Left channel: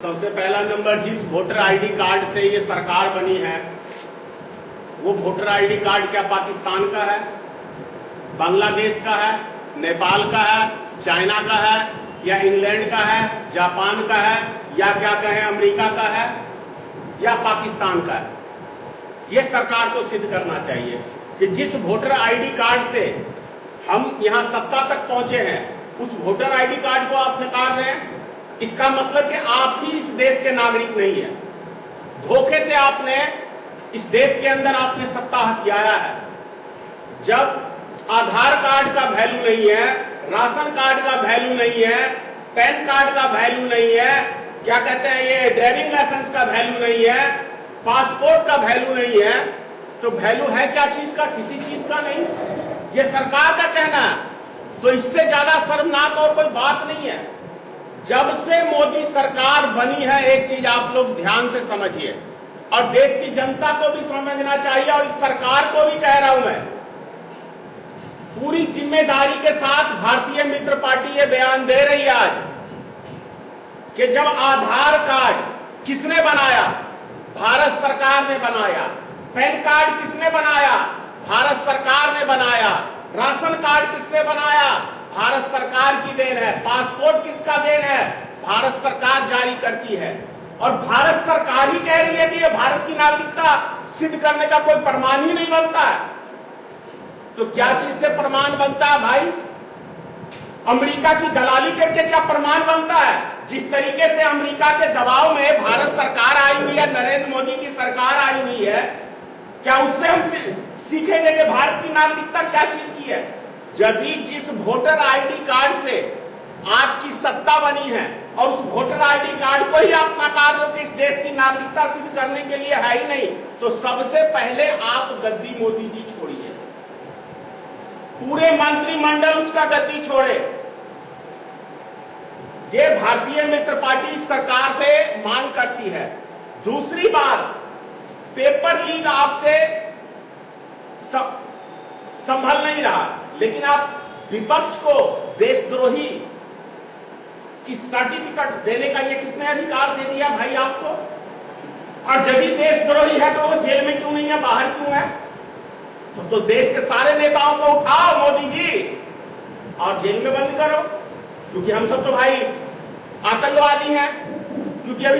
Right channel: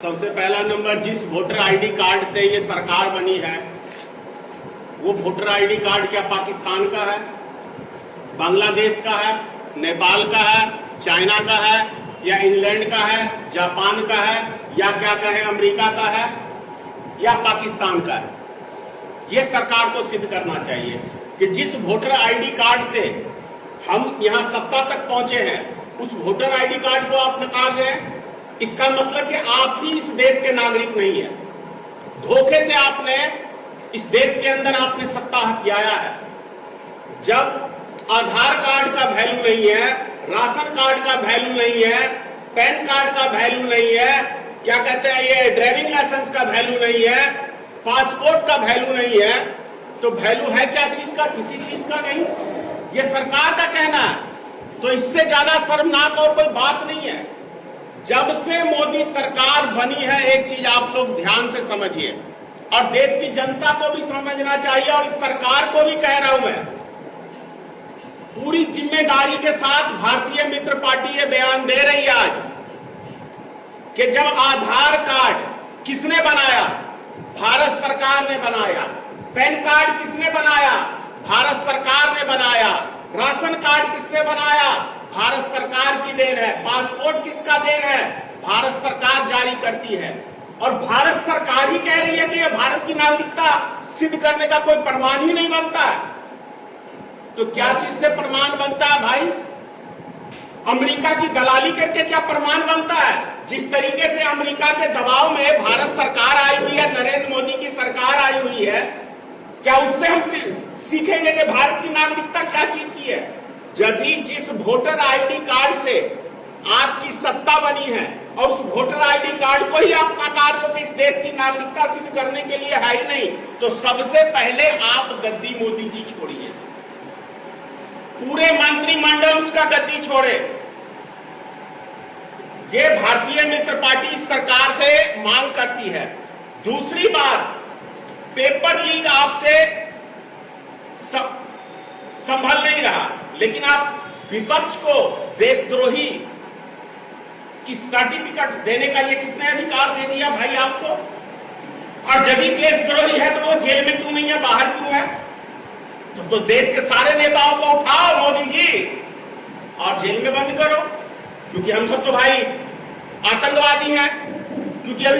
सबसे पहला नंबर, जिस वोटर आईडी कार्ड से ये सरकार बनी है वो वोटर आईडी कार्ड क्या पाकिस्तान का है, बांग्लादेश का है, नेपाल का है, चाइना का है, या इंग्लैंड का है, जापान का है, या क्या कहें अमेरिका का है, या पाकिस्तान का है? ये सरकार को सिद्ध करना चाहिए कि जिस वोटर आईडी कार्ड से हम यहां सत्ता तक पहुंचे हैं उस वोटर आईडी कार्ड को आप नकार रहे हैं। इसका मतलब कि आप ही इस देश के नागरिक नहीं है। धोखे से आपने इस देश के अंदर आपने सत्ता हथियाया है। जब आधार कार्ड का वैल्यू नहीं है, राशन कार्ड का वैल्यू नहीं है, पैन कार्ड का वैल्यू नहीं है, क्या कहते हैं ये ड्राइविंग लाइसेंस का वैल्यू नहीं है, पासपोर्ट का वैल्यू नहीं है, तो वैल्यू है क्या चीज का? किसी चीज का नहीं। ये सरकार का कहना है। तो इससे ज्यादा शर्मनाक और कोई बात नहीं है। जब से मोदी सरकार बनी है, एक चीज आप लोग ध्यान से समझिए और देश की जनता को भी समझना चाहिए और इस सरकार को भी कह रहा हूं मैं, पूरी जिम्मेदारी के साथ भारतीय मित्र पार्टी ये बयान दे रही है आज कि जब आधार कार्ड किसने बनाया? भारत सरकार ने बनाया। पैन कार्ड किसने बनाया? भारत सरकार ने बनाया। राशन कार्ड किसने बनाया? भारत सरकार की देन है। पासपोर्ट किसका देन है? भारत सरकार जारी करती है। और भारत सरकार ही कह रही है कि ये भारत की नागरिकता सिद्ध करने का कोई प्रमाण ही नहीं बनता है। तो क्या चीज से प्रमाण बनता है भाई? अमेरिका की दलाली करके क्या प्रमाण बनता है? जिस तरीके से अमेरिका के दबाव में भारत सरकार आई हुई है, नरेंद्र मोदी की सरकार आई हुई है, क्या उससे हम सीखेंगे कि भारत की नागरिकता क्या चीज की है? यदि जिस वोटर आईडी कार्ड से आपकी सत्ता बनी है और उस वोटर आईडी कार्ड को ही आप नकार रहे हो कि इस देश की नागरिकता सिद्ध करने के लिए है ही नहीं, तो सबसे पहले आप गद्दी मोदी जी छोड़िए, पूरे मंत्रिमंडल उसका गद्दी छोड़े। ये भारतीय मित्र पार्टी इस सरकार से मांग करती है। दूसरी बात, पेपर लीक आपसे संभल नहीं रहा, लेकिन आप विपक्ष को देशद्रोही की सर्टिफिकेट देने का ये किसने अधिकार दे दिया भाई आपको? और यदि देशद्रोही है तो वो जेल में क्यों नहीं है, बाहर क्यों है? तो देश के सारे नेताओं को उठाओ मोदी जी और जेल में बंद करो, क्योंकि हम सब तो भाई आतंकवादी हैं। क्योंकि अभी